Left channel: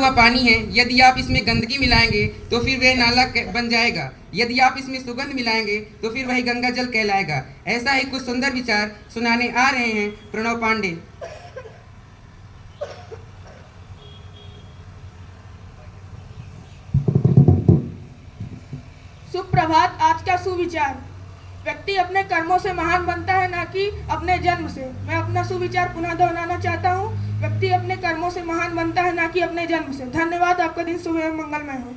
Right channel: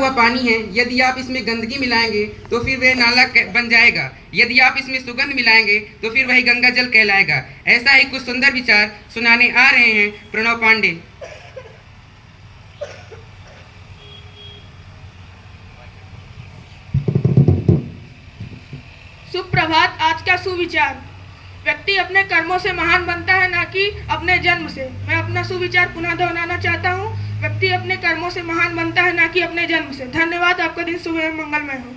हुआ पानी है, यदि आप इसमें गंदगी मिलाएंगे तो फिर वह नाला बन जाएगा। यदि आप इसमें सुगंध मिलाएंगे तो फिर वही गंगा जल कहलाएगा। ऐसा ही कुछ सुंदर विचार सुनाने आ रहे हैं प्रणव पांडे। सुप्रभात। आज का सुविचार, व्यक्ति अपने कर्मों से महान बनता है, ना कि अपने जन्म से। मैं अपना सुविचार पुनः दोहराना चाहता हूँ। व्यक्ति अपने कर्मों से महान बनता है, ना कि अपने जन्म से। धन्यवाद। आपका दिन शुभ एवं मंगलमय हो।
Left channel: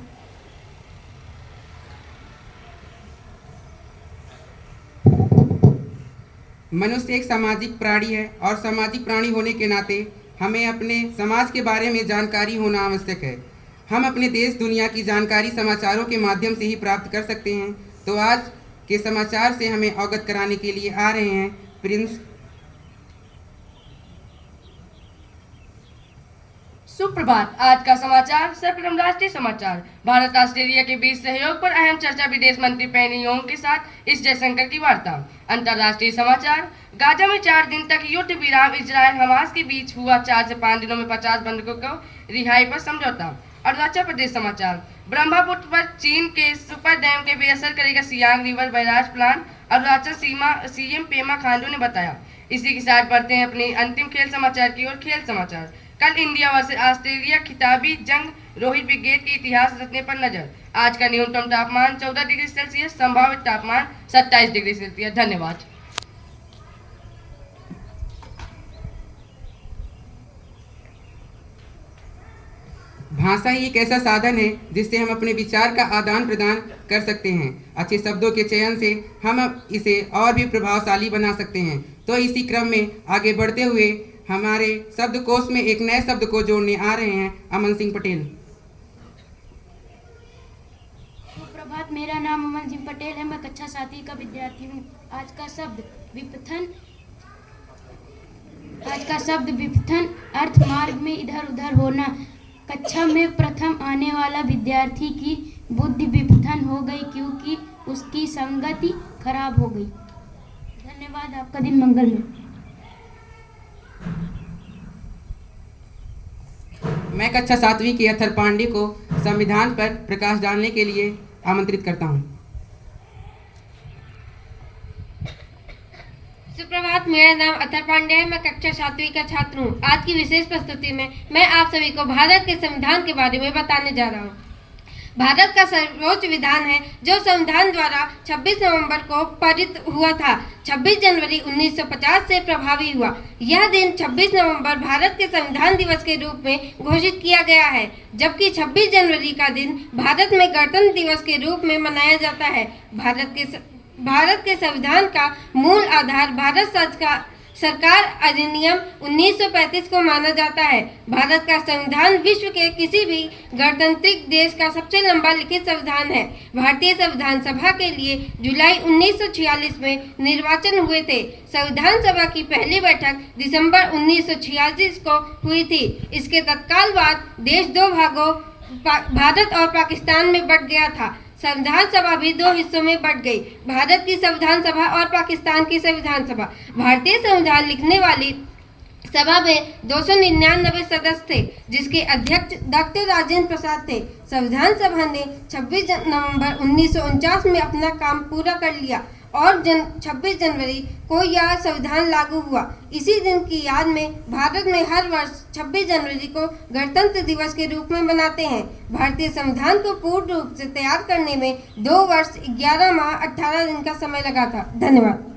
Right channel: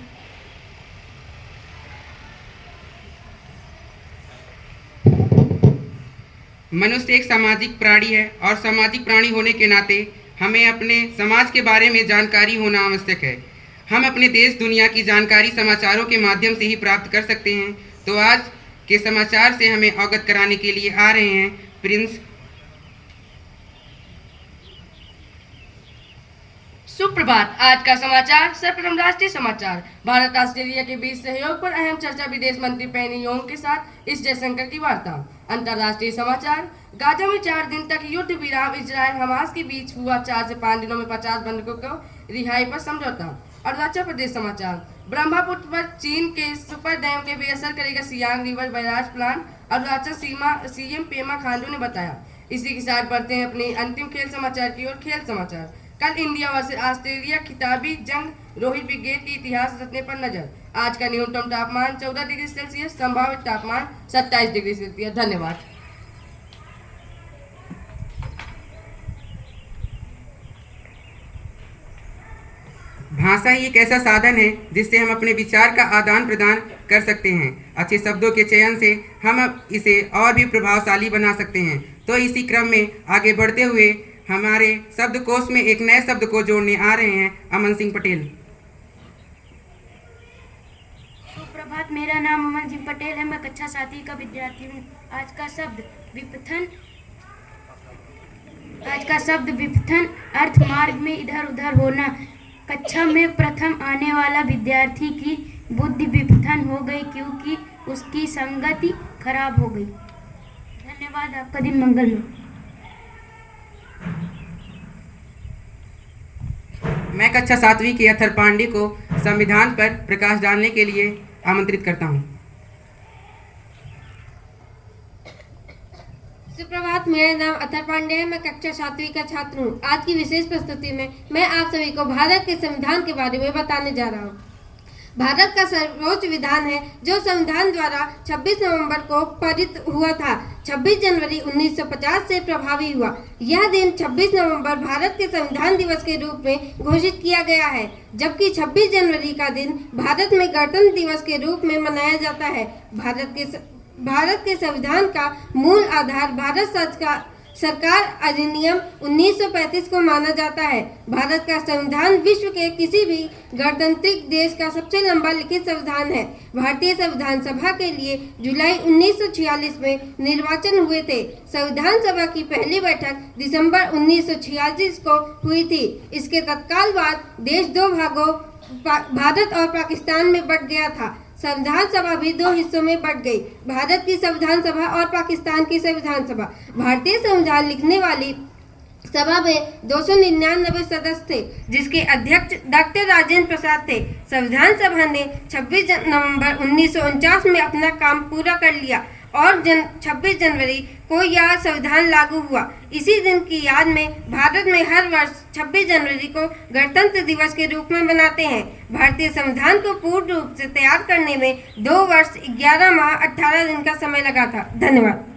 मनुष्य एक सामाजिक प्राणी है और सामाजिक प्राणी होने के नाते हमें अपने समाज के बारे में जानकारी होना आवश्यक है। हम अपने देश दुनिया की जानकारी समाचारों के माध्यम से ही प्राप्त कर सकते हैं। तो आज के समाचार से हमें अवगत कराने के लिए आ रहे हैं प्रिंस। सुप्रभात। आज का समाचार। सर्वप्रथम राष्ट्रीय समाचार। भारत ऑस्ट्रेलिया के बीच सहयोग पर अहम चर्चा, विदेश मंत्री पेनी योंग के साथ एस जयशंकर की वार्ता। अंतर्राष्ट्रीय समाचार। गाजा में 4 दिन तक युद्ध विराम, इजरायल हमास के बीच हुआ। 4 से 5 दिनों में 50 बंधकों को रिहाई पर समझौता। अरुणाचल प्रदेश समाचार। ब्रह्मपुत्र पर चीन के सुपर डैम के बेअसर करेगा Siang river barrage plant, Arunachal CM Pema Khandu ने बताया। इसी के साथ बढ़ते हैं अपने अंतिम खेल समाचार की ओर। खेल समाचार। कल इंडिया वर्सेस ऑस्ट्रेलिया खिताबी जंग, रोहित ब्रिगेड के इतिहास रचने पर नजर। आज का न्यूनतम तापमान 14 डिग्री सेल्सियस, संभावित तापमान 27 डिग्री सेल्सियस। धन्यवाद। भाषा ही एक ऐसा साधन है जिससे हम अपने विचार का आदान प्रदान कर सकते हैं। अच्छे शब्दों के चयन से हम इसे और भी प्रभावशाली बना सकते हैं। तो इसी क्रम में आगे बढ़ते हुए हमारे शब्दकोश में एक नए शब्द को जोड़ने आ रहे हैं अमन सिंह पटेल। सुप्रभात। मेरा नाम अमन सिंह पटेल है। मैं कक्षा 7वीं का विद्यार्थी हूँ। आज का शब्द विपथन अर्थ मार्ग में इधर उधर होना। कक्षा में प्रथम आने वाला विद्यार्थी की बुद्धि विपथन हो गई क्योंकि उसकी संगति खराब हो गई। धन्यवाद। आपका दिन मंगलमय। मैं कक्षा 7वीं के अथर पांडे को संविधान पर प्रकाश डालने के लिए आमंत्रित करता हूं। सुप्रभात। मेरा नाम अथर पांडे है। मैं कक्षा 7वीं का छात्र हूँ। आज की विशेष प्रस्तुति में मैं आप सभी को भारत के संविधान के बारे में बताने जा रहा हूँ। भारत का सर्वोच्च विधान है जो संविधान द्वारा 26 नवंबर को पारित हुआ था। 26 जनवरी 1950 से प्रभावी हुआ। यह दिन 26 नवंबर भारत के संविधान दिवस के रूप में घोषित किया गया है, जबकि 26 जनवरी का दिन भारत में गणतंत्र दिवस के रूप में मनाया जाता है। भारत के संविधान का मूल आधार भारत सरकार अधिनियम 1935 को माना जाता है। भारत का संविधान विश्व के किसी भी गणतांत्रिक देश का सबसे लंबा लिखित संविधान है। भारतीय संविधान सभा के लिए जुलाई 1946 में निर्वाचन हुए थे। संविधान सभा की पहली बैठक दिसंबर 1946 को हुई थी। इसके तत्काल बाद देश 2 भागों भारत और पाकिस्तान में बंट गया था। संविधान सभा भी 2 हिस्सों में बंट गई, भारत की संविधान सभा और पाकिस्तान की संविधान सभा। भारतीय संविधान लिखने वाली सभा में 299 सदस्य थे, जिसके अध्यक्ष डॉक्टर राजेंद्र प्रसाद थे। संविधान सभा ने 26 नवंबर 1949 में अपना काम पूरा कर लिया और 26 जनवरी को यह संविधान लागू हुआ। इसी दिन की याद में भारत में हर वर्ष 26 जनवरी को गणतंत्र दिवस के रूप में मनाते हैं। भारतीय संविधान को पूर्ण रूप से तैयार करने में 2 वर्ष 11 माह 18 दिन का समय लगा था। धन्यवाद।